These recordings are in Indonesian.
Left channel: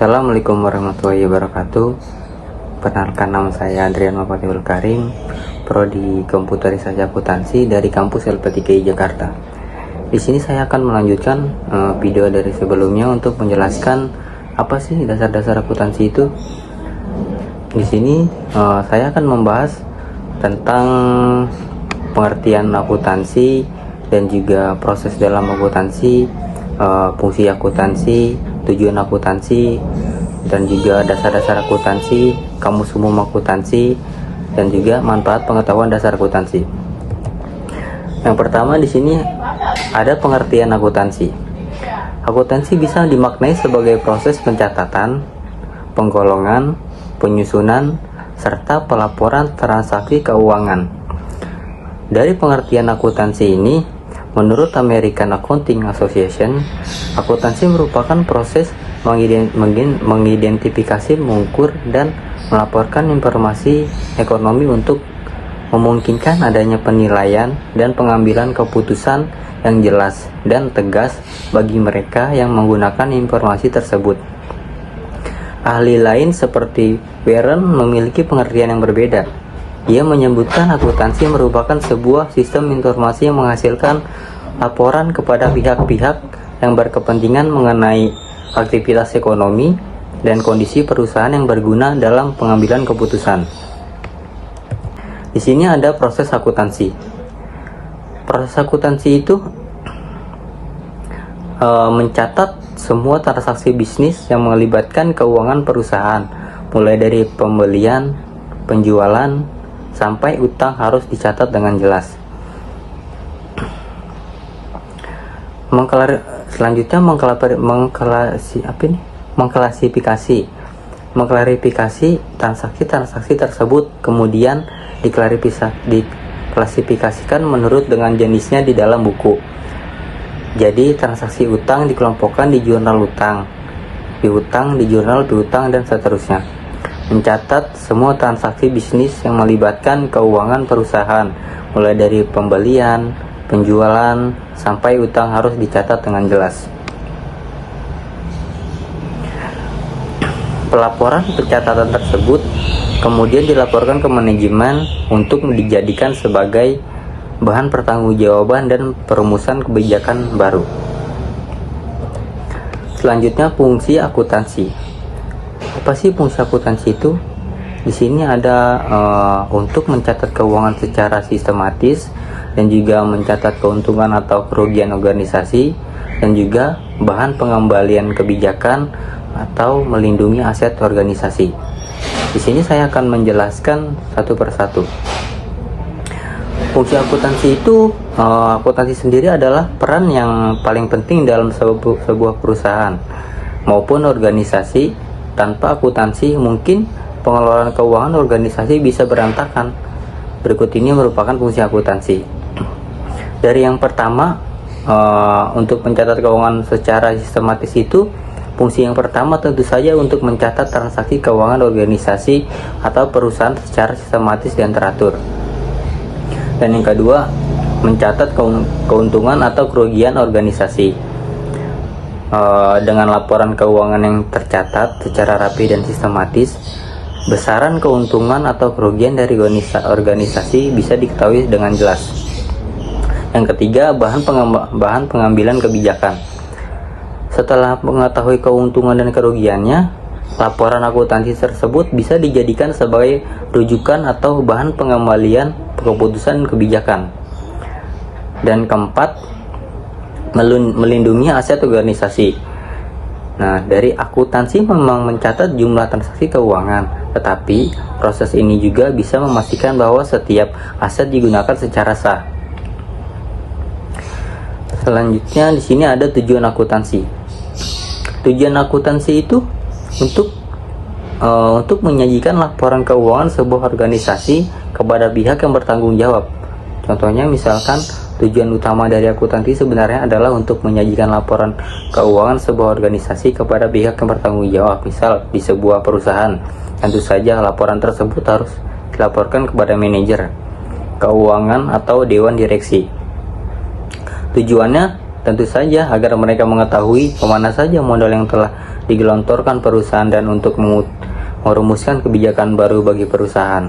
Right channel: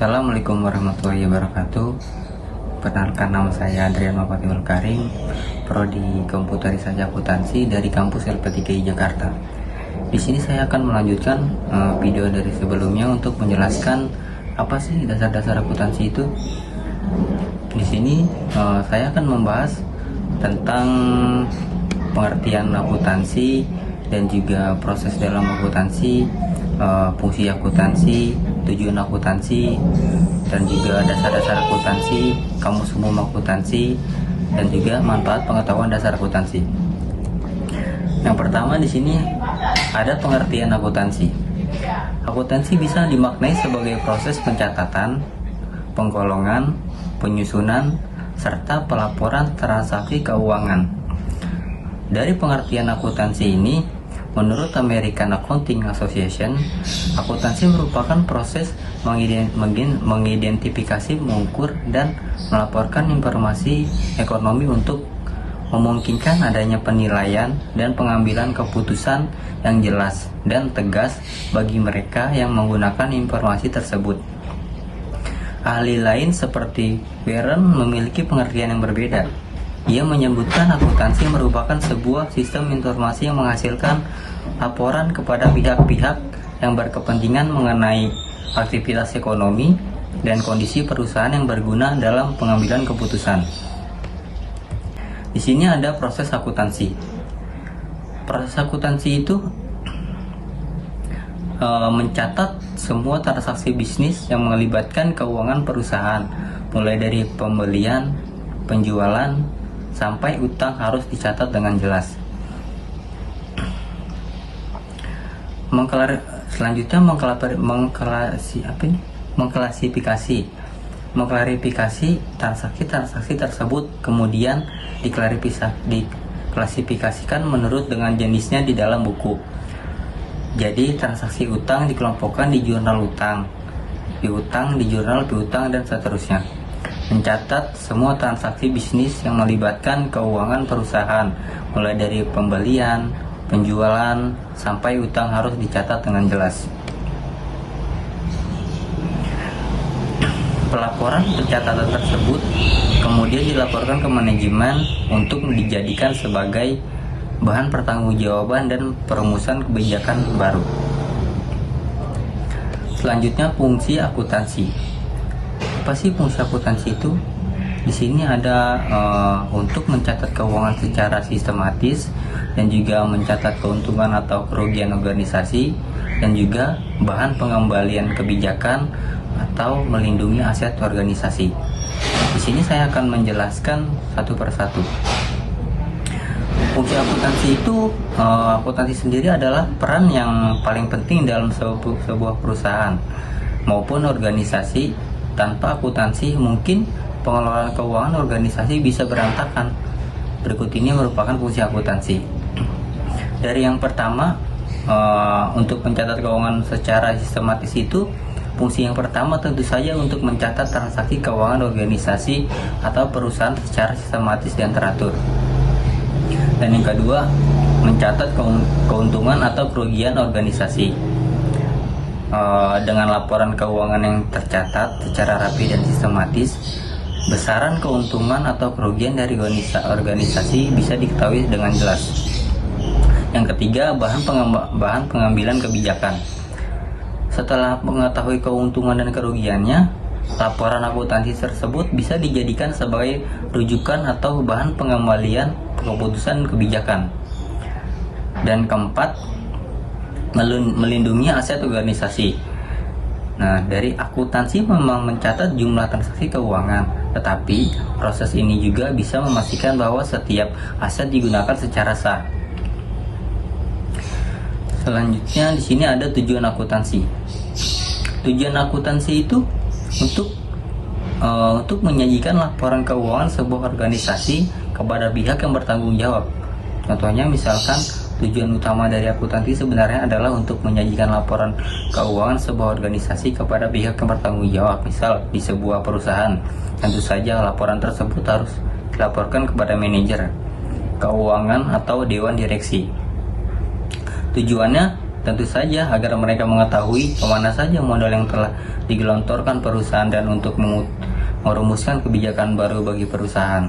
Assalamualaikum warahmatullahi wabarakatuh. Perkenalkan, nama saya Adrian Mafatihul Karim, Prodi Komputerisasi Akuntansi dari kampus LP3I Jakarta. Di sini saya akan melanjutkan video dari sebelumnya untuk menjelaskan apa sih dasar-dasar akuntansi itu. Di sini saya akan membahas tentang pengertian akuntansi dan juga proses dalam akuntansi, fungsi akuntansi, tujuan akuntansi, dan juga dasar-dasar akuntansi, kamus umum akuntansi, dan juga manfaat pengetahuan dasar akuntansi. Yang pertama di sini ada pengertian akuntansi. Akuntansi bisa dimaknai sebagai proses pencatatan, penggolongan, penyusunan, serta pelaporan transaksi keuangan. Dari pengertian akuntansi ini, menurut American Accounting Association, akuntansi merupakan proses mengidentifikasi, mengukur, dan melaporkan informasi ekonomi untuk memungkinkan adanya penilaian dan pengambilan keputusan yang jelas dan tegas bagi mereka yang menggunakan informasi tersebut. Ahli lain seperti Warren memiliki pengertian yang berbeda. Ia menyebutkan akuntansi merupakan sebuah sistem informasi yang menghasilkan laporan kepada pihak-pihak yang berkepentingan mengenai aktivitas ekonomi dan kondisi perusahaan yang berguna dalam pengambilan keputusan. Di sini ada proses akuntansi. Proses akuntansi itu mencatat semua transaksi bisnis yang melibatkan keuangan perusahaan, mulai dari pembelian, penjualan, sampai utang harus dicatat dengan jelas. Selanjutnya mengklarifikasi transaksi tersebut, kemudian diklasifikasikan menurut dengan jenisnya di dalam buku. Jadi transaksi utang dikelompokkan di jurnal utang, piutang di jurnal piutang, dan seterusnya. Mencatat semua transaksi bisnis yang melibatkan keuangan perusahaan, mulai dari pembelian, penjualan, sampai utang harus dicatat dengan jelas. Pelaporan pencatatan tersebut kemudian dilaporkan ke manajemen untuk dijadikan sebagai bahan pertanggungjawaban dan perumusan kebijakan baru. Selanjutnya, fungsi akuntansi. Apa sih fungsi akuntansi itu? Di sini ada untuk mencatat keuangan secara sistematis, dan juga mencatat keuntungan atau kerugian organisasi, dan juga bahan pengembalian kebijakan atau melindungi aset organisasi. Di sini saya akan menjelaskan satu persatu. Fungsi akuntansi itu, akuntansi sendiri adalah peran yang paling penting dalam sebuah perusahaan maupun organisasi. Tanpa akuntansi, mungkin pengelolaan keuangan organisasi bisa berantakan. Berikut ini merupakan fungsi akuntansi. Dari yang pertama, untuk mencatat keuangan secara sistematis itu, fungsi yang pertama tentu saja untuk mencatat transaksi keuangan organisasi atau perusahaan secara sistematis dan teratur. Dan yang kedua, mencatat keuntungan atau kerugian organisasi. Dengan laporan keuangan yang tercatat secara rapi dan sistematis, besaran keuntungan atau kerugian dari organisasi bisa diketahui dengan jelas. Yang ketiga, bahan pengambilan kebijakan. Setelah mengetahui keuntungan dan kerugiannya, laporan akuntansi tersebut bisa dijadikan sebagai rujukan atau bahan pengembalian keputusan kebijakan. Dan keempat, melindungi aset organisasi. Nah, dari akuntansi memang mencatat jumlah transaksi keuangan, tetapi proses ini juga bisa memastikan bahwa setiap aset digunakan secara sah. Selanjutnya di sini ada tujuan akuntansi. Tujuan akuntansi itu untuk menyajikan laporan keuangan sebuah organisasi kepada pihak yang bertanggung jawab. Contohnya, misalkan tujuan utama dari akuntansi sebenarnya adalah untuk menyajikan laporan keuangan sebuah organisasi kepada pihak yang bertanggung jawab. Misal di sebuah perusahaan, tentu saja laporan tersebut harus dilaporkan kepada manajer keuangan atau dewan direksi. Tujuannya tentu saja agar mereka mengetahui kemana saja modal yang telah digelontorkan perusahaan dan untuk merumuskan kebijakan baru bagi perusahaan.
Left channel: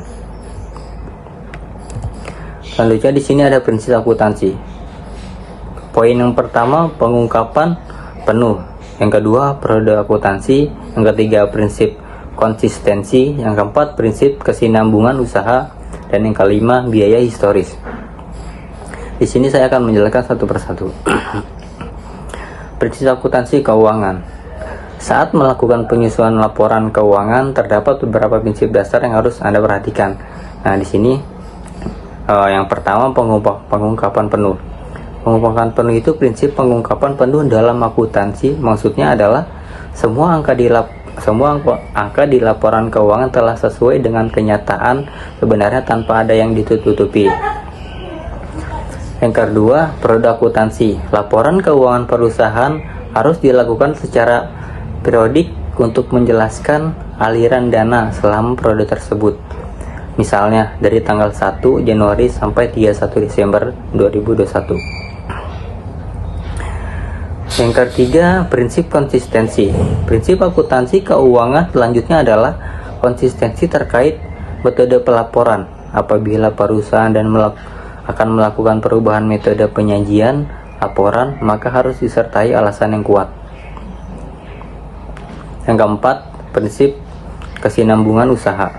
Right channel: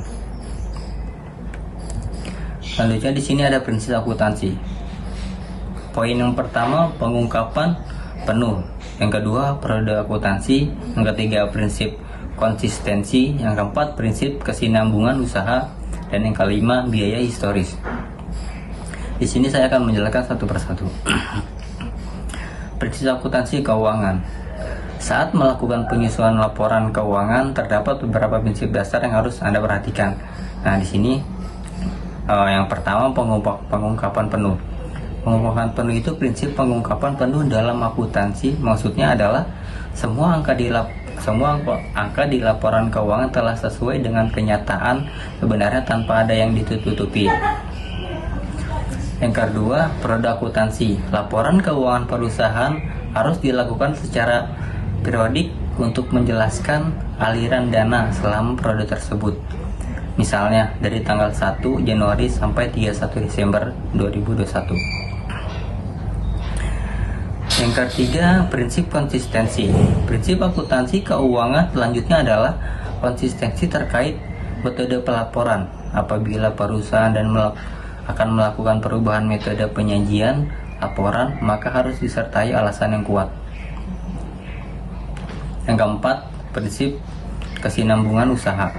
Selanjutnya di sini ada prinsip akuntansi. Poin yang pertama, pengungkapan penuh. Yang kedua, periode akuntansi. Yang ketiga, prinsip konsistensi. Yang keempat, prinsip kesinambungan usaha. Dan yang kelima, biaya historis. Di sini saya akan menjelaskan satu persatu. Prinsip akuntansi keuangan. Saat melakukan penyusunan laporan keuangan, terdapat beberapa prinsip dasar yang harus Anda perhatikan. Nah, di sini yang pertama, pengungkapan penuh. Pengungkapan penuh itu prinsip pengungkapan penuh dalam akuntansi. Maksudnya adalah semua angka di laporan keuangan telah sesuai dengan kenyataan sebenarnya tanpa ada yang ditutupi. Yang kedua, periode akuntansi. Laporan keuangan perusahaan harus dilakukan secara periodik untuk menjelaskan aliran dana selama periode tersebut. Misalnya dari tanggal 1 Januari sampai 31 Desember 2021. Yang ketiga, prinsip konsistensi. Prinsip akuntansi keuangan selanjutnya adalah konsistensi terkait metode pelaporan. Apabila perusahaan akan melakukan perubahan metode penyajian laporan, maka harus disertai alasan yang kuat. Yang keempat, prinsip kesinambungan usaha.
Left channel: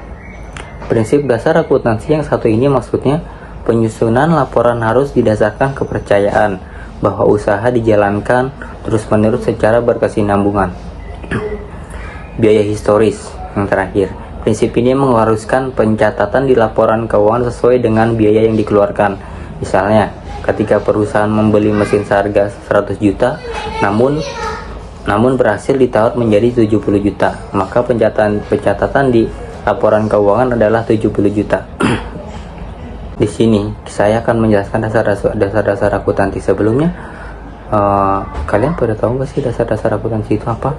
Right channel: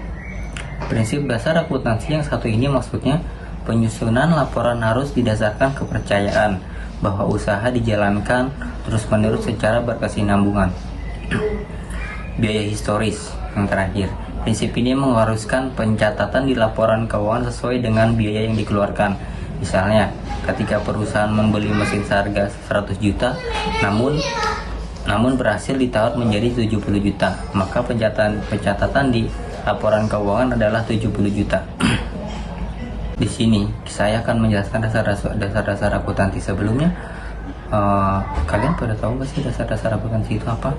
Prinsip dasar akuntansi yang satu ini maksudnya penyusunan laporan harus didasarkan kepercayaan bahwa usaha dijalankan terus-menerus secara berkesinambungan. Biaya historis yang terakhir. Prinsip ini mengharuskan pencatatan di laporan keuangan sesuai dengan biaya yang dikeluarkan. Misalnya, ketika perusahaan membeli mesin seharga 100 juta, namun berhasil ditawar menjadi 70 juta, maka pencatatan di laporan keuangan adalah 70 juta. Di sini saya akan menjelaskan dasar-dasar akuntansi. Sebelumnya, kalian pada tahu nggak sih dasar-dasar akuntansi itu apa?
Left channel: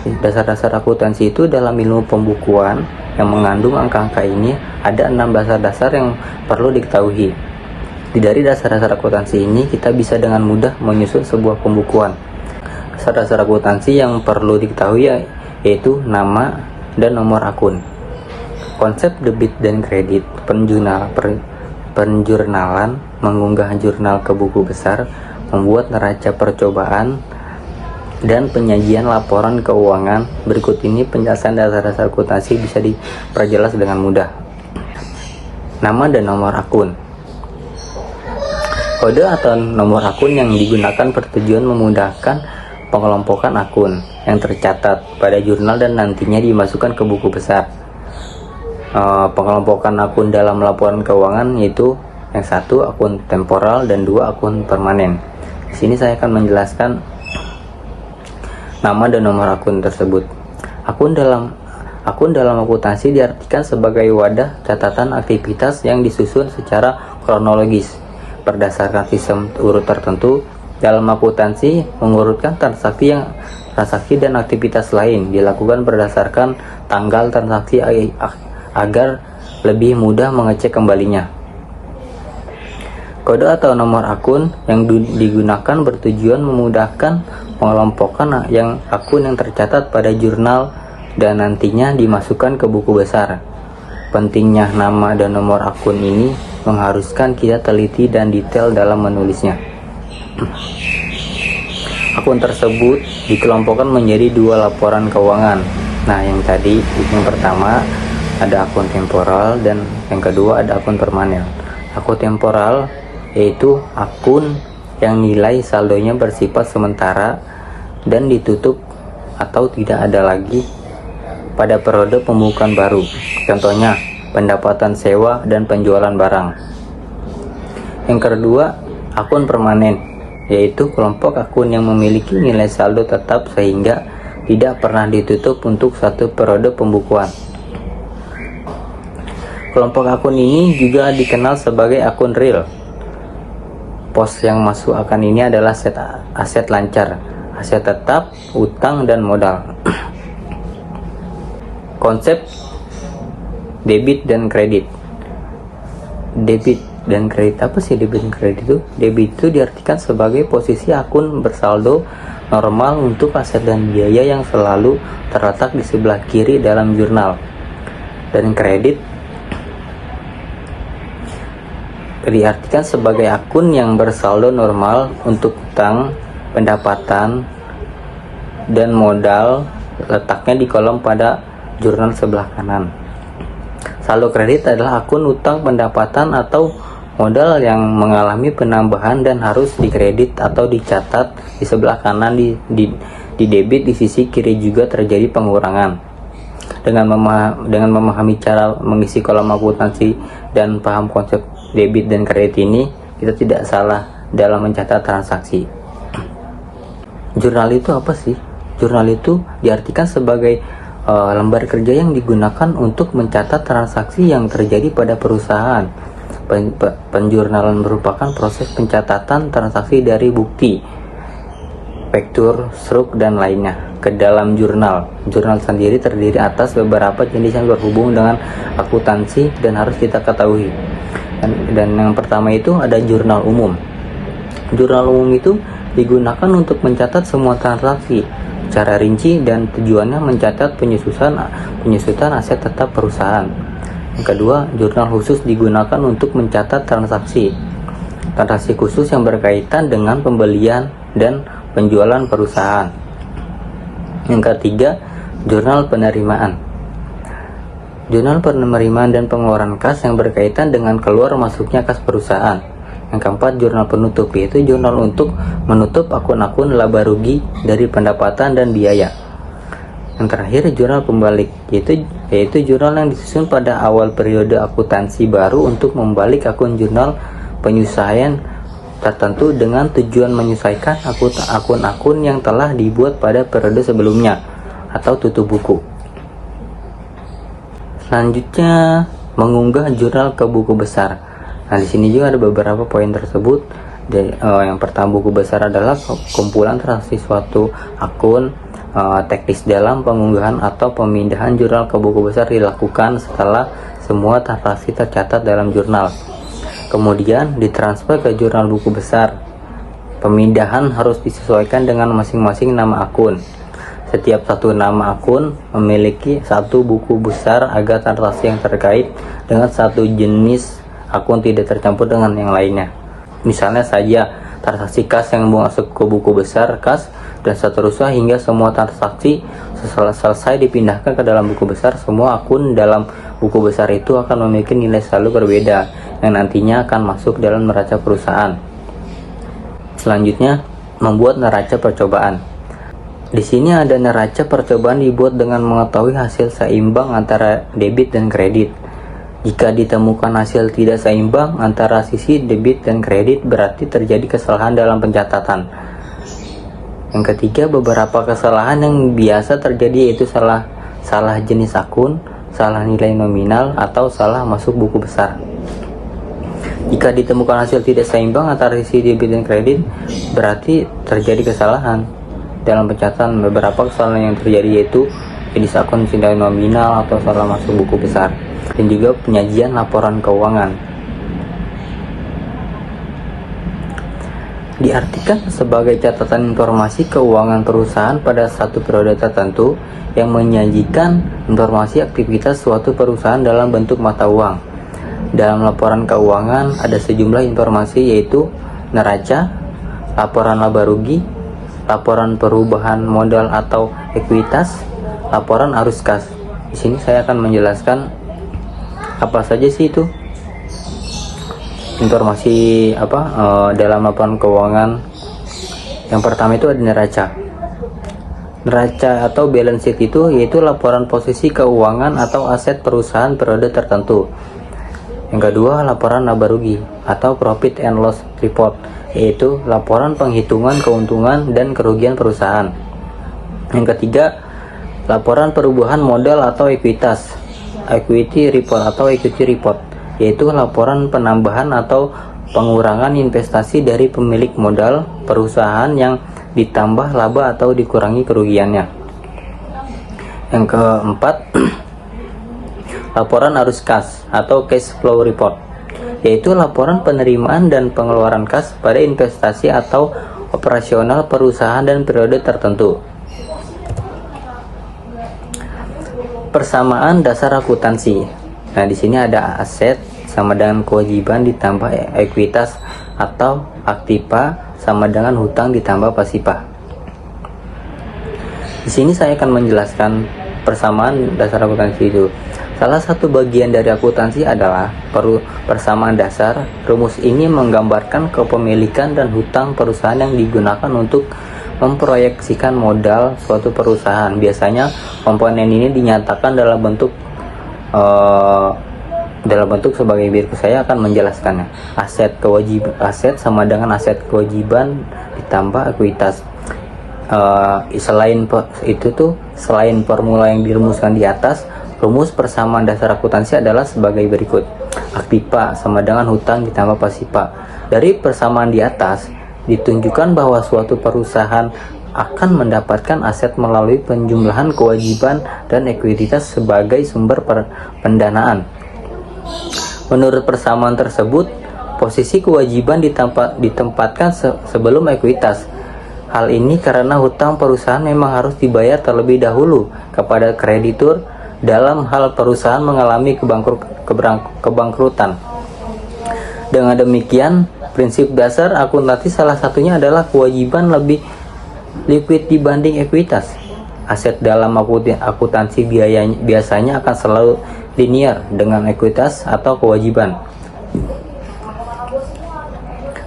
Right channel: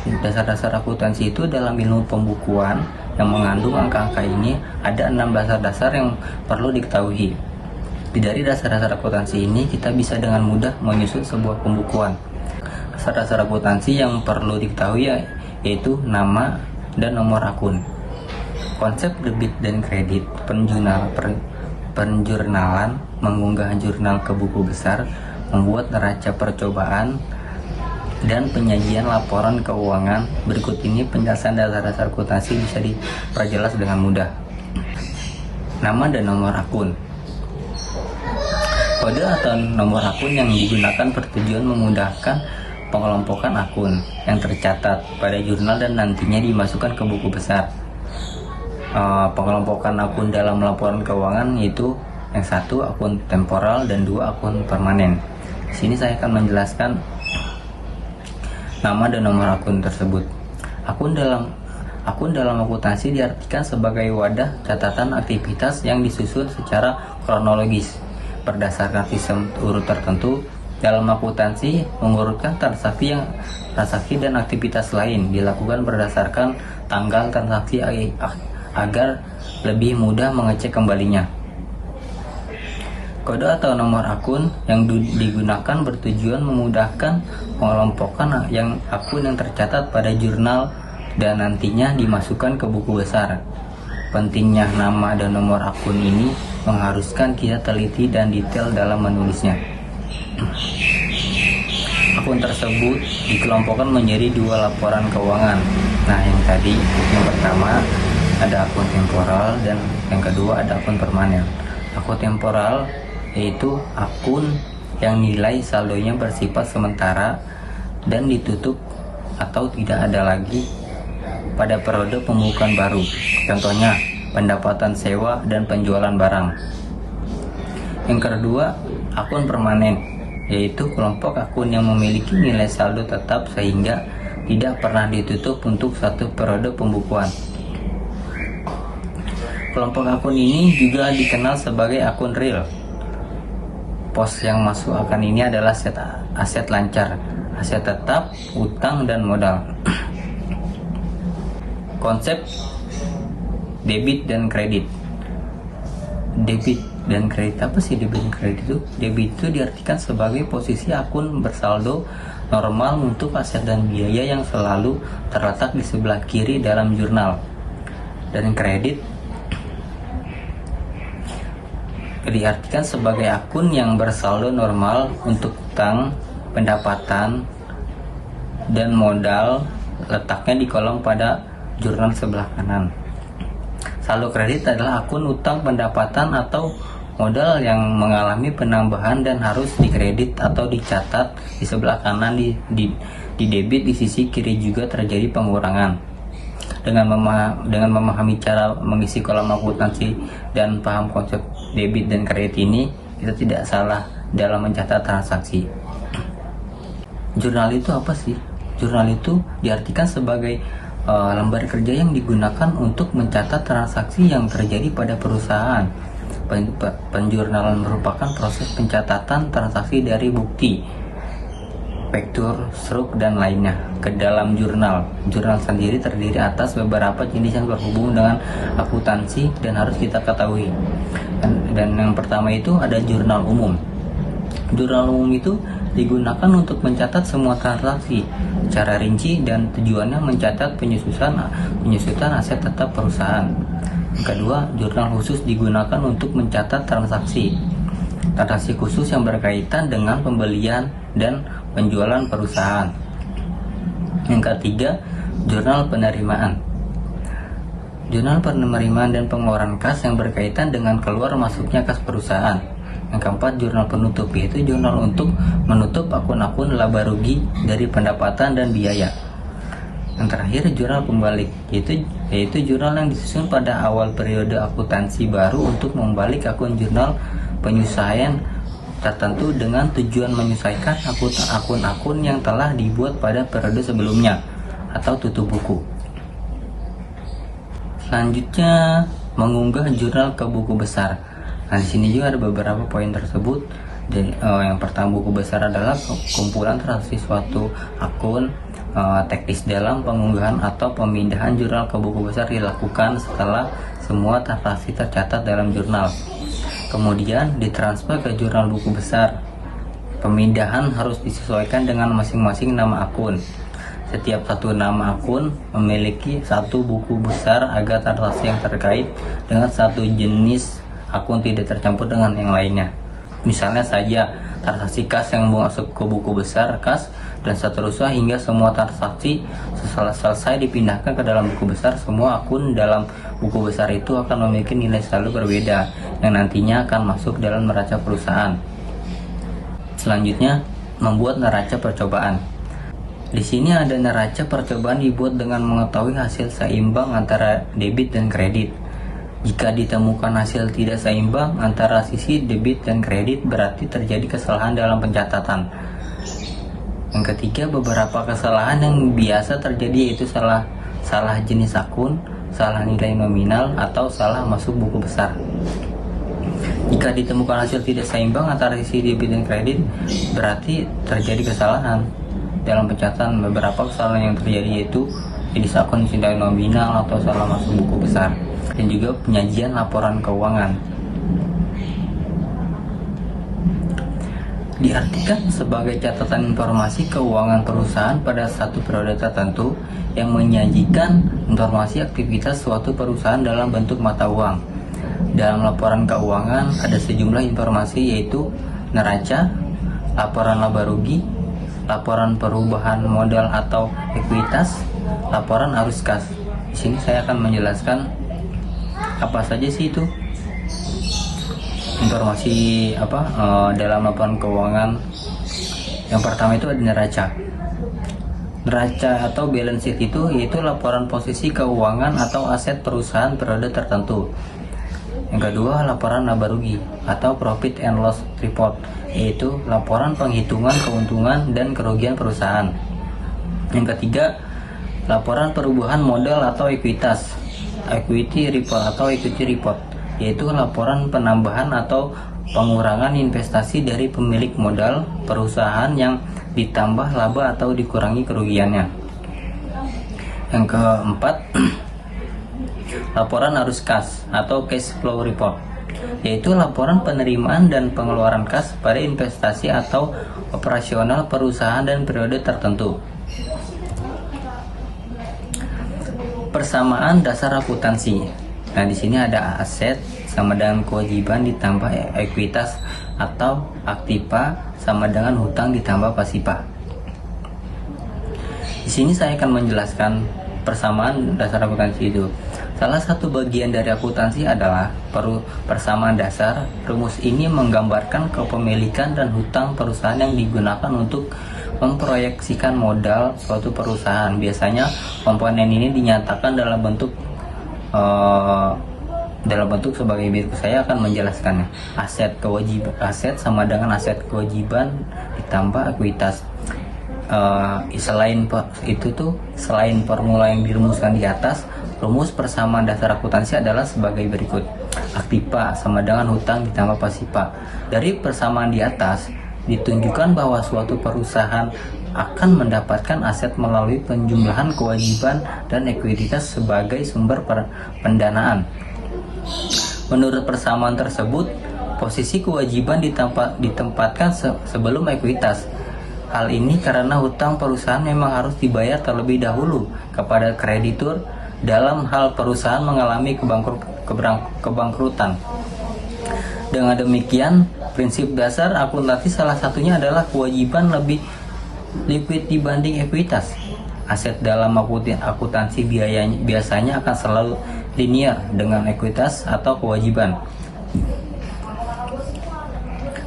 Dasar-dasar akuntansi itu dalam ilmu pembukuan yang mengandung angka-angka ini ada 6 dasar-dasar yang perlu diketahui. Dari dasar-dasar akuntansi ini kita bisa dengan mudah menyusun sebuah pembukuan. Dasar-dasar akuntansi yang perlu diketahui yaitu nama dan nomor akun. Konsep debit dan kredit, penjurnalan, mengunggah jurnal ke buku besar, membuat neraca percobaan, dan penyajian laporan keuangan. Berikut ini penjelasan dasar-dasar akuntansi bisa diperjelas dengan mudah. Nama dan nomor akun. Kode atau nomor akun yang digunakan bertujuan memudahkan pengelompokan akun yang tercatat pada jurnal dan nantinya dimasukkan ke buku besar. Pengelompokan akun dalam laporan keuangan yaitu yang satu akun temporal dan dua akun permanen. Di sini saya akan menjelaskan nama dan nomor akun tersebut. Akun dalam akuntansi diartikan sebagai wadah catatan aktivitas yang disusun secara kronologis berdasarkan sistem urut tertentu. Dalam akuntansi mengurutkan transaksi dan aktivitas lain dilakukan berdasarkan tanggal transaksi agar lebih mudah mengecek kembalinya. Kode atau nomor akun yang digunakan bertujuan memudahkan pengelompokan akun yang tercatat pada jurnal dan nantinya dimasukkan ke buku besar. Pentingnya nama dan nomor akun ini mengharuskan kita teliti dan detail dalam menulisnya. Akun tersebut dikelompokkan menjadi dua laporan keuangan. Nah, yang pertama ada akun temporal dan yang kedua ada akun permanen. Akun temporal yaitu akun yang nilai saldonya bersifat sementara dan ditutup atau tidak ada lagi pada periode pembukuan baru. Contohnya pendapatan sewa dan penjualan barang. Yang kedua, akun permanen yaitu kelompok akun yang memiliki nilai saldo tetap sehingga tidak pernah ditutup untuk satu periode pembukuan. Kelompok akun ini juga dikenal sebagai akun real. Pos yang masuk akun ini adalah aset lancar, aset tetap, utang, dan modal. Konsep debit dan kredit. Debit dan kredit, apa sih debit dan kredit itu? Debit itu diartikan sebagai posisi akun bersaldo normal untuk aset dan biaya yang selalu terletak di sebelah kiri dalam jurnal. Dan kredit diartikan sebagai akun yang bersaldo normal untuk utang, pendapatan, dan modal, letaknya di kolom pada jurnal sebelah kanan. Saldo kredit adalah akun utang, pendapatan, atau modal yang mengalami penambahan dan harus dikredit atau dicatat di sebelah kanan. Di debit di sisi kiri juga terjadi pengurangan. Dengan memahami cara mengisi kolom akuntansi dan paham konsep debit dan kredit ini, kita tidak salah dalam mencatat transaksi. Jurnal itu apa sih? Jurnal itu diartikan sebagai lembar kerja yang digunakan untuk mencatat transaksi yang terjadi pada perusahaan. Penjurnalan merupakan proses pencatatan transaksi dari bukti, faktur, struk, dan lainnya ke dalam jurnal. Jurnal sendiri terdiri atas beberapa jenis yang berhubung dengan akuntansi dan harus kita ketahui. Dan yang pertama itu ada jurnal umum. Jurnal umum itu digunakan untuk mencatat semua transaksi secara rinci dan tujuannya mencatat penyusutan aset tetap perusahaan. Yang kedua, jurnal khusus digunakan untuk mencatat transaksi khusus yang berkaitan dengan pembelian dan penjualan perusahaan. Yang ketiga, jurnal penerimaan. Jurnal penerimaan dan pengeluaran kas yang berkaitan dengan keluar masuknya kas perusahaan. Yang keempat, jurnal penutup, yaitu jurnal untuk menutup akun-akun laba rugi dari pendapatan dan biaya. Yang terakhir, jurnal pembalik, yaitu jurnal yang disusun pada awal periode akuntansi baru untuk membalik akun jurnal penyesuaian tertentu dengan tujuan menyesuaikan akun-akun yang telah dibuat pada periode sebelumnya atau tutup buku. Selanjutnya, mengunggah jurnal ke buku besar. Nah, di sini juga ada beberapa poin tersebut. Yang pertama, buku besar adalah kumpulan transaksi suatu akun. Teknis dalam pengunggahan atau pemindahan jurnal ke buku besar dilakukan setelah semua transaksi tercatat dalam jurnal, kemudian ditransfer ke jurnal buku besar. Pemindahan harus disesuaikan dengan masing-masing nama akun. Setiap satu nama akun memiliki satu buku besar agar transaksi yang terkait dengan satu jenis akun tidak tercampur dengan yang lainnya. Misalnya saja, transaksi kas yang masuk ke buku besar kas dan seterusnya hingga semua transaksi selesai dipindahkan ke dalam buku besar. Semua akun dalam buku besar itu akan memiliki nilai saldo berbeda yang nantinya akan masuk dalam neraca perusahaan. Selanjutnya, membuat neraca percobaan. Di sini ada neraca percobaan dibuat dengan mengetahui hasil seimbang antara debit dan kredit. Jika ditemukan hasil tidak seimbang antara sisi debit dan kredit, berarti terjadi kesalahan dalam pencatatan. Yang ketiga, beberapa kesalahan yang biasa terjadi yaitu salah jenis akun, salah nilai nominal, atau salah masuk buku besar. Jika ditemukan hasil tidak seimbang antara sisi debit dan kredit, berarti terjadi kesalahan dalam pencatatan. Beberapa kesalahan yang terjadi yaitu jenis akun nilai nominal atau salah masuk buku besar, dan juga penyajian laporan keuangan. Diartikan sebagai catatan informasi keuangan perusahaan pada satu periode tertentu yang menyajikan informasi aktivitas suatu perusahaan dalam bentuk mata uang. Dalam laporan keuangan ada sejumlah informasi yaitu neraca, laporan laba rugi, laporan perubahan modal atau ekuitas, laporan arus kas. Di sini saya akan menjelaskan apa saja sih itu informasi dalam laporan keuangan. Yang pertama itu ada neraca. Neraca atau balance sheet itu yaitu laporan posisi keuangan atau aset perusahaan periode tertentu. Yang kedua, laporan laba rugi atau profit and loss report, yaitu laporan penghitungan keuntungan dan kerugian perusahaan. Yang ketiga, laporan perubahan modal atau ekuitas, equity report atau equity report, yaitu laporan penambahan atau pengurangan investasi dari pemilik modal perusahaan yang ditambah laba atau dikurangi kerugiannya. Yang keempat, laporan arus kas atau cash flow report, yaitu laporan penerimaan dan pengeluaran kas pada investasi atau operasional perusahaan dan periode tertentu. Persamaan dasar akuntansi. Nah, di sini ada aset sama dengan kewajiban ditambah ekuitas atau aktiva sama dengan hutang ditambah pasifa. Di sini saya akan menjelaskan persamaan dasar akuntansi itu. Salah satu bagian dari akuntansi adalah persamaan dasar. Rumus ini menggambarkan kepemilikan dan hutang perusahaan yang digunakan untuk memproyeksikan modal suatu perusahaan. Biasanya komponen ini dinyatakan dalam bentuk sebagai berikut. Saya akan menjelaskannya. Aset sama dengan aset kewajiban ditambah ekuitas. Selain formula yang dirumuskan di atas, rumus persamaan dasar akuntansi adalah sebagai berikut. Aktiva sama dengan hutang ditambah pasifa. Dari persamaan di atas ditunjukkan bahwa suatu perusahaan akan mendapatkan aset melalui penjumlahan kewajiban dan ekuitas sebagai sumber pendanaan. Menurut persamaan tersebut, posisi kewajiban ditempatkan sebelum ekuitas. Hal ini karena hutang perusahaan memang harus dibayar terlebih dahulu kepada kreditur dalam hal perusahaan mengalami kebangkrutan. Dengan demikian, prinsip dasar akuntansi salah satunya adalah kewajiban lebih liquid dibanding ekuitas. Aset dalam akuntansi biasanya akan selalu linear dengan ekuitas atau kewajiban.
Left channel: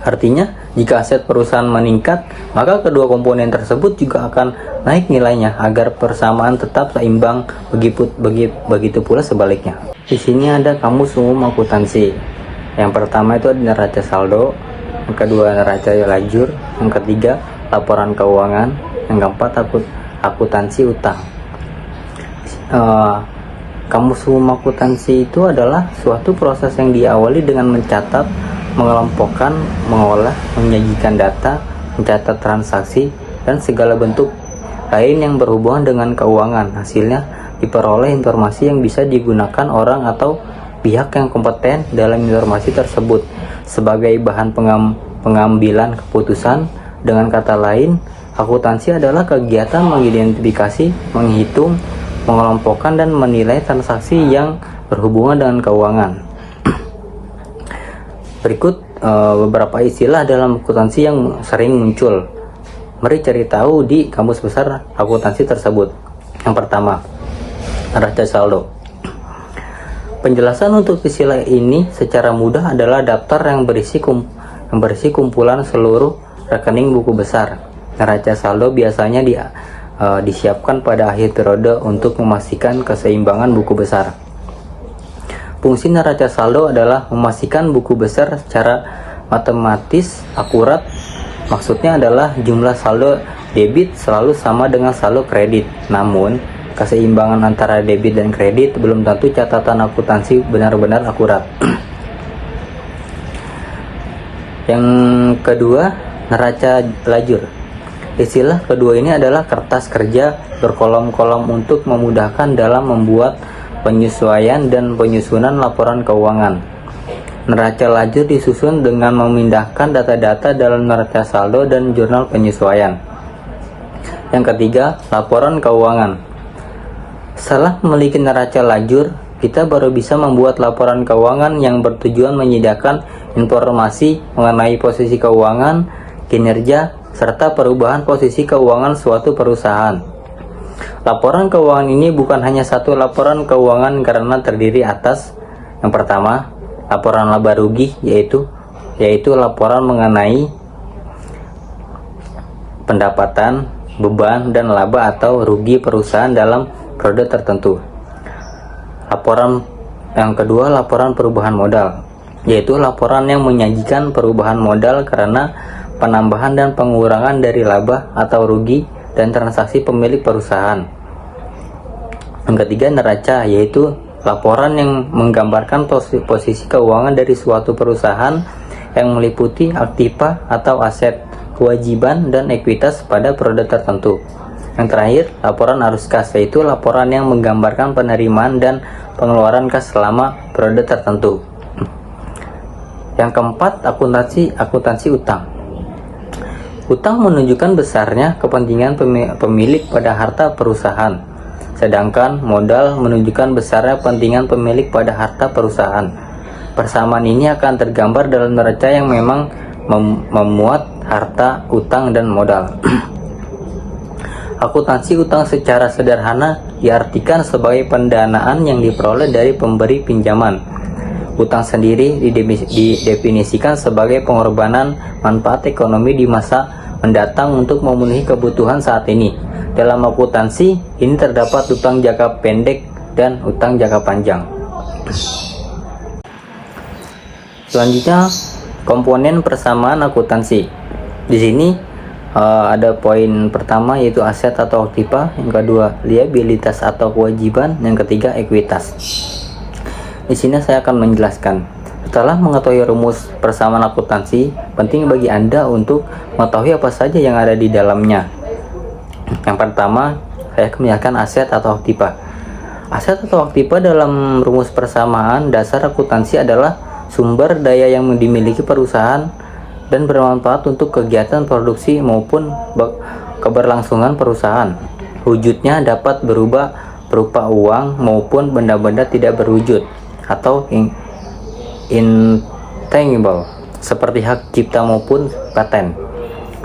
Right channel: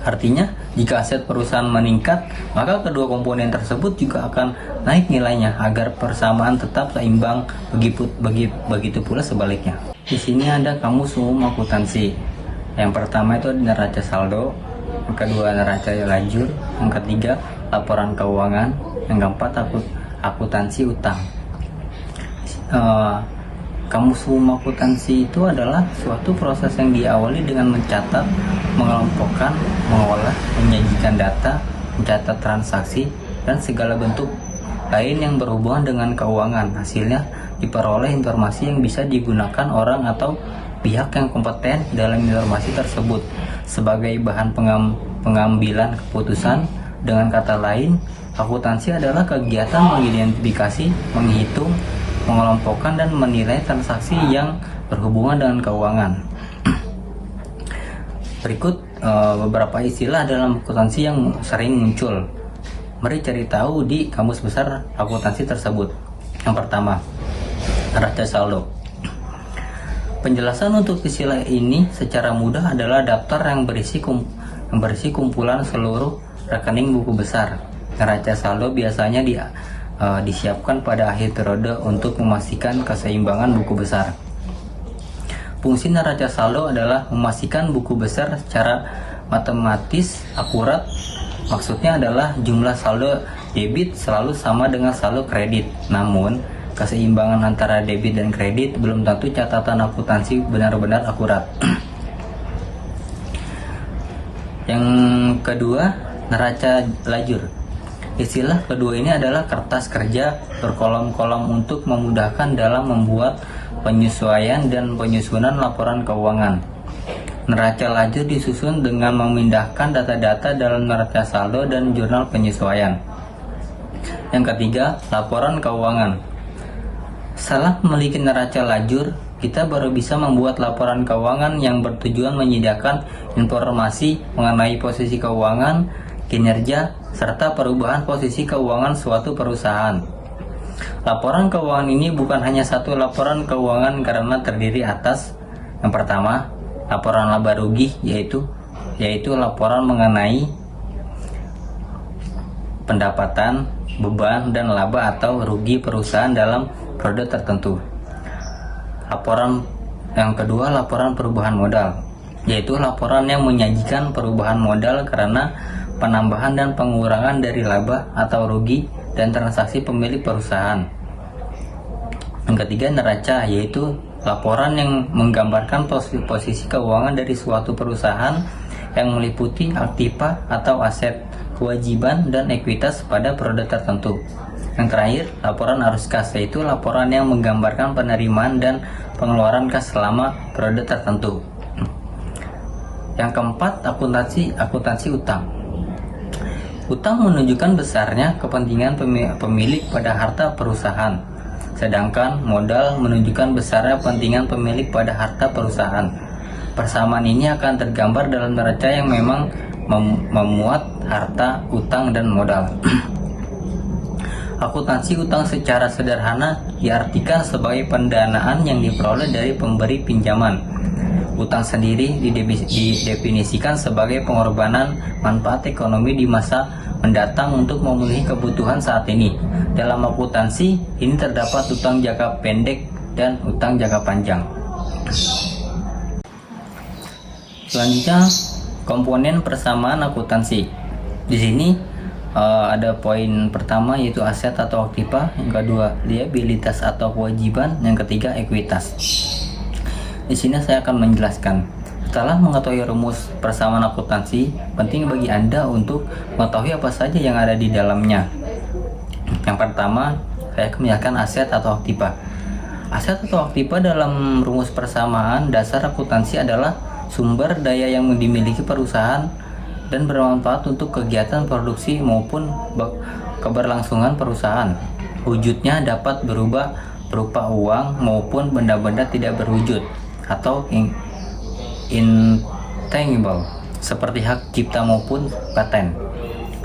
Artinya, jika aset perusahaan meningkat, maka kedua komponen tersebut juga akan naik nilainya agar persamaan tetap seimbang. Begitu pula sebaliknya. Di sini ada kamus umum akuntansi. Yang pertama itu ada neraca saldo, yang kedua neraca lajur, yang ketiga laporan keuangan, yang keempat akuntansi utang. Kamus umum akuntansi itu adalah suatu proses yang diawali dengan mencatat, mengelompokkan, mengolah, menyajikan data, mencatat transaksi, dan segala bentuk lain yang berhubungan dengan keuangan. Hasilnya diperoleh informasi yang bisa digunakan orang atau pihak yang kompeten dalam informasi tersebut sebagai bahan pengambilan keputusan. Dengan kata lain, akuntansi adalah kegiatan mengidentifikasi, menghitung, mengelompokkan, dan menilai transaksi yang berhubungan dengan keuangan. Berikut beberapa istilah dalam akuntansi yang sering muncul. Mari cari tahu di kamus besar akuntansi tersebut. Yang pertama, neraca saldo. Penjelasan untuk istilah ini secara mudah adalah daftar yang berisi kumpulan seluruh rekening buku besar. Neraca saldo biasanya disiapkan pada akhir periode untuk memastikan keseimbangan buku besar. Fungsi neraca saldo adalah memastikan buku besar secara matematis akurat. Maksudnya adalah jumlah saldo debit selalu sama dengan saldo kredit. Namun, keseimbangan antara debit dan kredit belum tentu catatan akuntansi benar-benar akurat. Yang kedua, neraca lajur. Istilah kedua ini adalah kertas kerja berkolom-kolom untuk memudahkan dalam membuat penyesuaian dan penyusunan laporan keuangan. Neraca lajur disusun dengan memindahkan data-data dalam neraca saldo dan jurnal penyesuaian. Yang ketiga, laporan keuangan. Setelah memiliki neraca lajur, kita baru bisa membuat laporan keuangan yang bertujuan menyediakan informasi mengenai posisi keuangan, kinerja, serta perubahan posisi keuangan suatu perusahaan. Laporan keuangan ini bukan hanya satu laporan keuangan karena terdiri atas yang pertama, laporan laba rugi yaitu laporan mengenai pendapatan, beban, dan laba atau rugi perusahaan dalam periode tertentu. Laporan yang kedua, laporan perubahan modal, yaitu laporan yang menyajikan perubahan modal karena penambahan dan pengurangan dari laba atau rugi dan transaksi pemilik perusahaan. Yang ketiga, neraca, yaitu laporan yang menggambarkan posisi keuangan dari suatu perusahaan yang meliputi aktiva atau aset, kewajiban, dan ekuitas pada periode tertentu. Yang terakhir, laporan arus kas, yaitu laporan yang menggambarkan penerimaan dan pengeluaran kas selama periode tertentu. Yang keempat, akuntansi utang. Utang menunjukkan besarnya kepentingan pemilik pada harta perusahaan, sedangkan modal menunjukkan besarnya kepentingan pemilik pada harta perusahaan. Persamaan ini akan tergambar dalam neraca yang memang memuat harta, utang, dan modal. Akuntansi utang secara sederhana diartikan sebagai pendanaan yang diperoleh dari pemberi pinjaman. Utang sendiri didefinisikan sebagai pengorbanan manfaat ekonomi di masa mendatang untuk memenuhi kebutuhan saat ini. Dalam akuntansi, ini terdapat utang jangka pendek dan utang jangka panjang. Selanjutnya, komponen persamaan akuntansi. Di sini ada poin pertama yaitu aset atau aktiva, yang kedua liabilitas atau kewajiban, yang ketiga ekuitas. Di sini saya akan menjelaskan. Setelah mengetahui rumus persamaan akuntansi, penting bagi Anda untuk mengetahui apa saja yang ada di dalamnya. Yang pertama, saya akan menjelaskan aset atau aktiva. Aset atau aktiva dalam rumus persamaan dasar akuntansi adalah sumber daya yang dimiliki perusahaan dan bermanfaat untuk kegiatan produksi maupun keberlangsungan perusahaan. Wujudnya dapat berubah berupa uang maupun benda-benda tidak berwujud atau intangible seperti hak cipta maupun paten.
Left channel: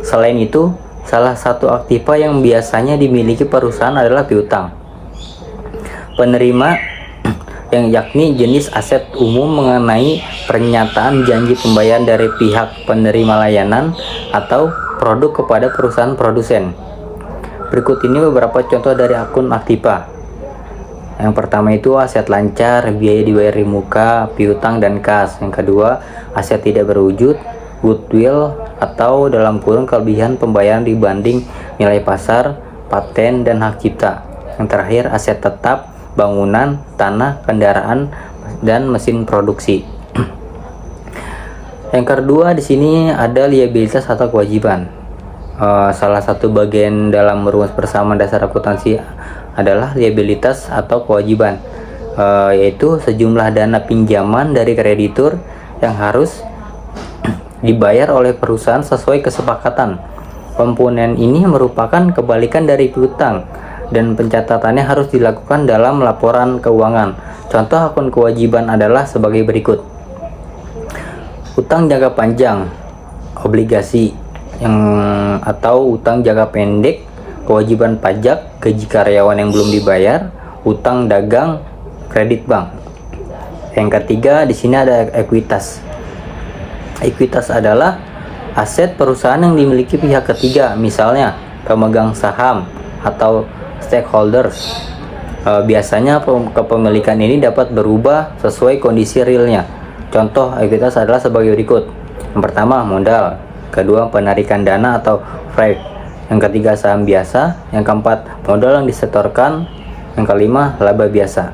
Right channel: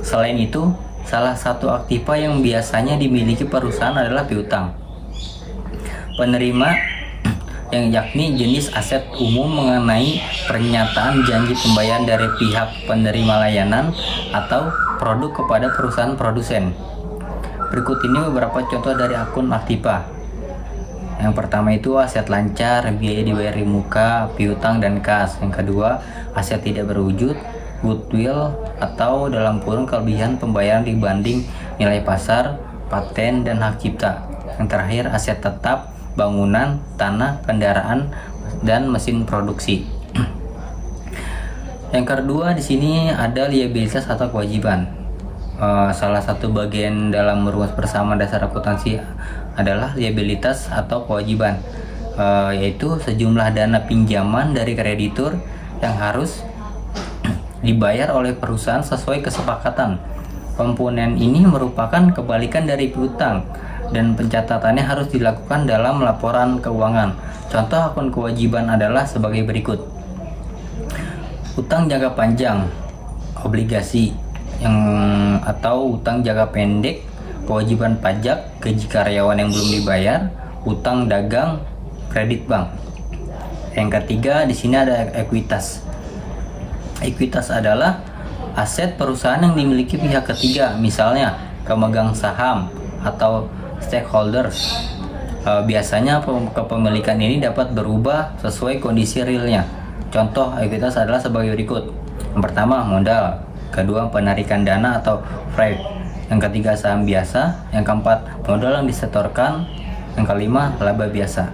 Selain itu, salah satu aktiva yang biasanya dimiliki perusahaan adalah piutang. Penerima yang yakni jenis aset umum mengenai pernyataan janji pembayaran dari pihak penerima layanan atau produk kepada perusahaan produsen. Berikut ini beberapa contoh dari akun aktiva. Yang pertama itu aset lancar, biaya dibayar di muka, piutang dan kas. Yang kedua, aset tidak berwujud, goodwill atau dalam kurung kelebihan pembayaran dibanding nilai pasar, paten dan hak cipta. Yang terakhir, aset tetap, bangunan, tanah, kendaraan, dan mesin produksi. Yang kedua di sini ada liabilitas atau kewajiban. Salah satu bagian dalam rumus persamaan dasar akuntansi adalah liabilitas atau kewajiban, yaitu sejumlah dana pinjaman dari kreditur yang harus dibayar oleh perusahaan sesuai kesepakatan. Komponen ini merupakan kebalikan dari piutang dan pencatatannya harus dilakukan dalam laporan keuangan. Contoh akun kewajiban adalah sebagai berikut. Utang jangka panjang, obligasi atau utang jangka pendek, kewajiban pajak, gaji karyawan yang belum dibayar, utang dagang, kredit bank. Yang ketiga di sini ada ekuitas. Ekuitas adalah aset perusahaan yang dimiliki pihak ketiga, misalnya pemegang saham atau stakeholders. Biasanya kepemilikan ini dapat berubah sesuai kondisi realnya. Contoh ekuitas adalah sebagai berikut. Yang pertama modal, kedua penarikan dana atau freight, yang ketiga saham biasa, yang keempat modal yang disetorkan, yang kelima laba biasa.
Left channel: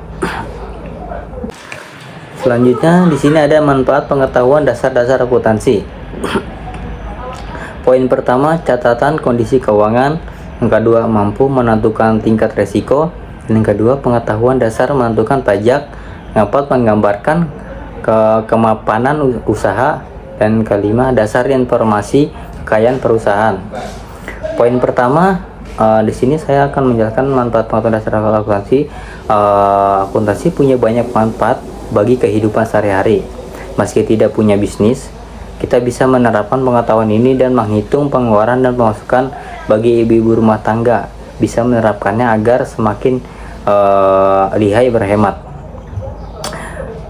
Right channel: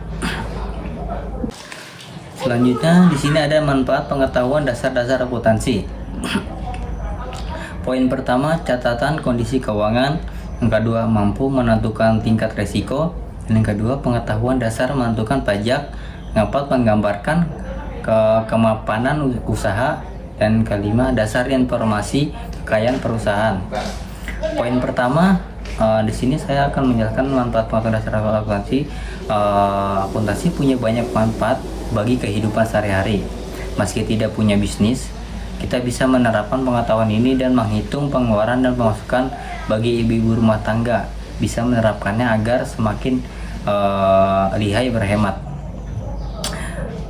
Selanjutnya di sini ada manfaat pengetahuan dasar-dasar akuntansi. Poin pertama, catatan kondisi keuangan. Yang kedua, mampu menentukan tingkat resiko. Dan yang kedua, pengetahuan dasar menentukan pajak. Yang keempat, menggambarkan kemapanan usaha. Dan kelima, dasar informasi kekayaan perusahaan. Poin pertama, di sini saya akan menjelaskan manfaat pengetahuan dasar akuntansi. Akuntansi punya banyak manfaat bagi kehidupan sehari-hari. Meski tidak punya bisnis, kita bisa menerapkan pengetahuan ini dan menghitung pengeluaran dan pemasukan bagi ibu-ibu rumah tangga. Bisa menerapkannya agar semakin lihai berhemat.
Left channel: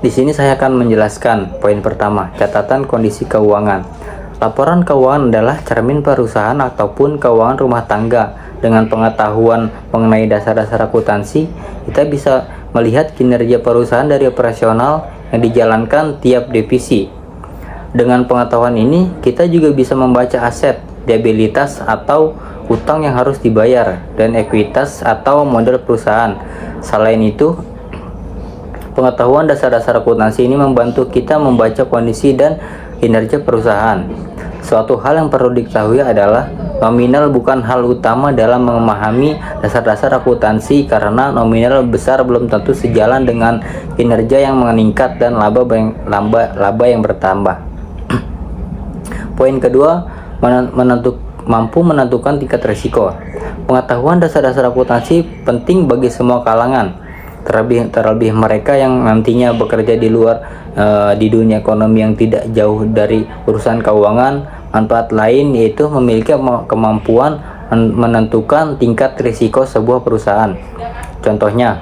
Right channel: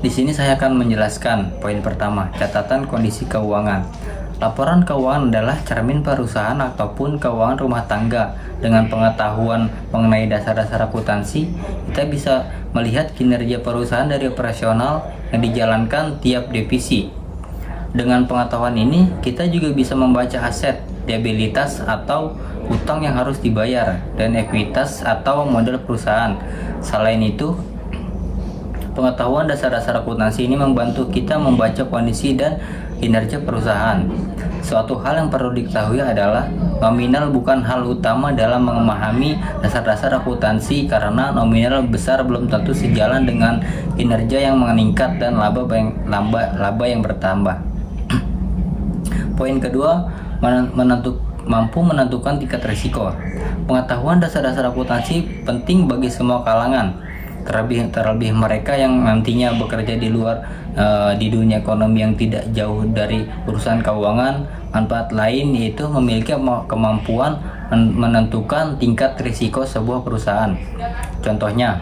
Di sini saya akan menjelaskan poin pertama, catatan kondisi keuangan. Laporan keuangan adalah cermin perusahaan ataupun keuangan rumah tangga. Dengan pengetahuan mengenai dasar-dasar akuntansi, kita bisa melihat kinerja perusahaan dari operasional yang dijalankan tiap divisi. Dengan pengetahuan ini, kita juga bisa membaca aset, liabilitas atau utang yang harus dibayar, dan ekuitas atau modal perusahaan. Selain itu, pengetahuan dasar-dasar akuntansi ini membantu kita membaca kondisi dan kinerja perusahaan. Suatu hal yang perlu diketahui adalah nominal bukan hal utama dalam memahami dasar-dasar akuntansi, karena nominal besar belum tentu sejalan dengan kinerja yang meningkat dan laba yang bertambah. Poin kedua, mampu menentukan tingkat risiko. Pengetahuan dasar-dasar akuntansi penting bagi semua kalangan, terlebih mereka yang nantinya bekerja di luar di dunia ekonomi yang tidak jauh dari urusan keuangan. Manfaat lain yaitu memiliki kemampuan menentukan tingkat risiko sebuah perusahaan. Contohnya,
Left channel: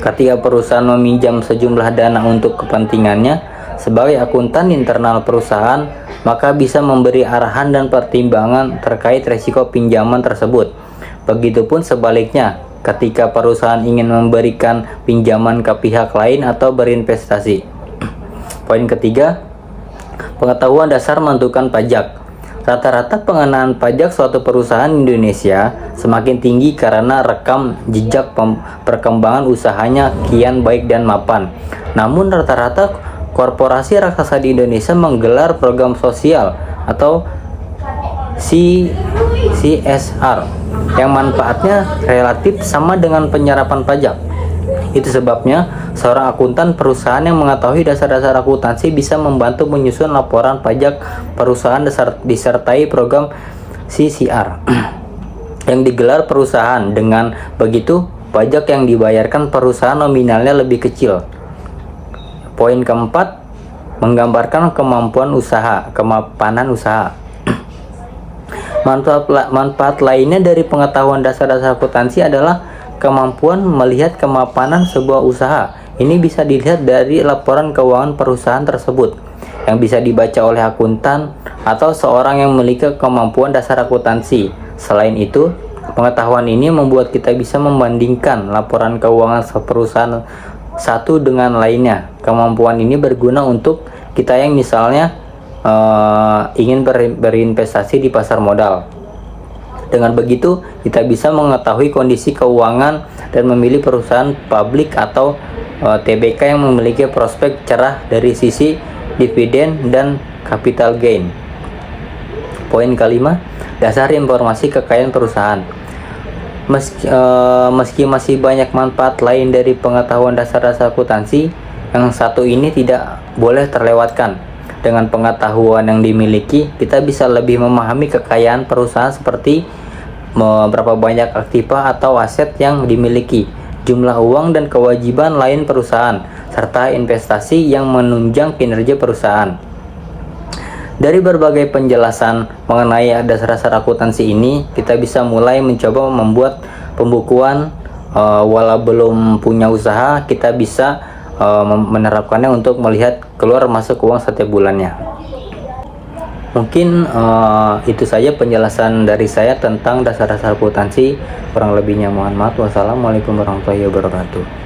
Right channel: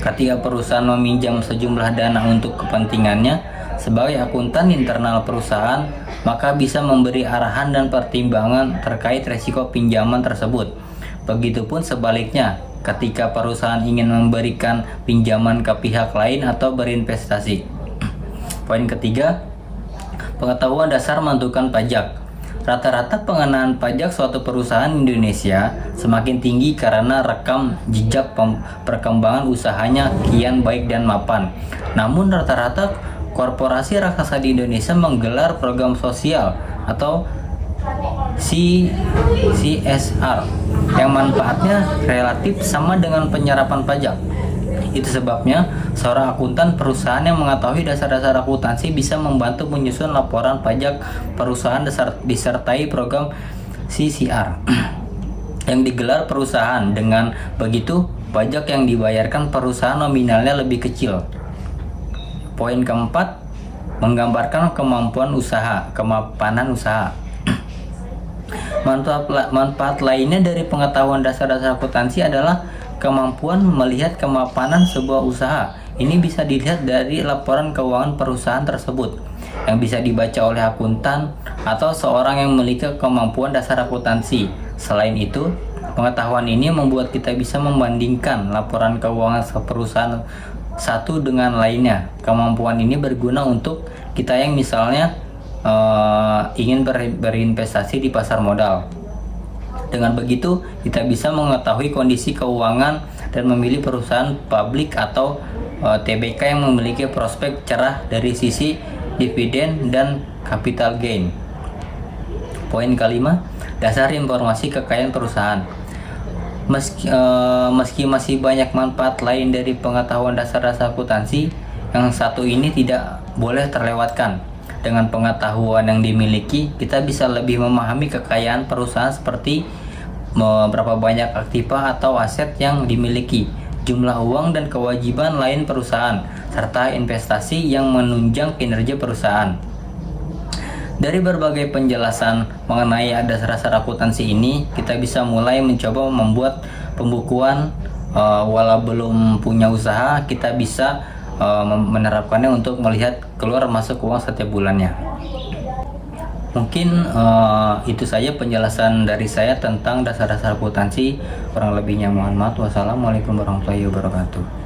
ketika perusahaan meminjam sejumlah dana untuk kepentingannya, sebagai akuntan internal perusahaan, maka bisa memberi arahan dan pertimbangan terkait risiko pinjaman tersebut. Begitupun sebaliknya, ketika perusahaan ingin memberikan pinjaman ke pihak lain atau berinvestasi. Poin ketiga, pengetahuan dasar menentukan pajak. Rata-rata pengenaan pajak suatu perusahaan Indonesia semakin tinggi karena rekam jejak perkembangan usahanya kian baik dan mapan. Namun rata-rata korporasi raksasa di Indonesia menggelar program sosial atau CSR yang manfaatnya relatif sama dengan penyerapan pajak. Itu sebabnya seorang akuntan perusahaan yang mengetahui dasar-dasar akuntansi bisa membantu menyusun laporan pajak perusahaan disertai program CSR yang digelar perusahaan. Dengan begitu, pajak yang dibayarkan perusahaan nominalnya lebih kecil. Poin keempat, menggambarkan kemampuan usaha, kemapanan usaha. Manfaat lainnya dari pengetahuan dasar-dasar akuntansi adalah kemampuan melihat kemapanan sebuah usaha. Ini bisa dilihat dari laporan keuangan perusahaan tersebut yang bisa dibaca oleh akuntan atau seorang yang memiliki kemampuan dasar akuntansi. Selain itu, pengetahuan ini membuat kita bisa membandingkan laporan keuangan perusahaan satu dengan lainnya. Kemampuan ini berguna untuk kita yang misalnya ingin berinvestasi di pasar modal. Dengan begitu, kita bisa mengetahui kondisi keuangan dan memilih perusahaan publik atau TBK yang memiliki prospek cerah dari sisi dividen dan capital gain. Poin kelima, dasar informasi kekayaan perusahaan. Meski masih banyak manfaat lain dari pengetahuan dasar-dasar akuntansi, yang satu ini tidak boleh terlewatkan. Dengan pengetahuan yang dimiliki, kita bisa lebih memahami kekayaan perusahaan seperti berapa banyak aktiva atau aset yang dimiliki, jumlah uang dan kewajiban lain perusahaan, serta investasi yang menunjang kinerja perusahaan. Dari berbagai penjelasan mengenai dasar-dasar akuntansi ini, kita bisa mulai mencoba membuat pembukuan. Walau belum punya usaha, kita bisa menerapkannya untuk melihat keluar masuk uang setiap bulannya. Mungkin itu saja penjelasan dari saya tentang dasar-dasar akuntansi. Kurang lebihnya mohon maaf. Wassalamualaikum warahmatullahi wabarakatuh.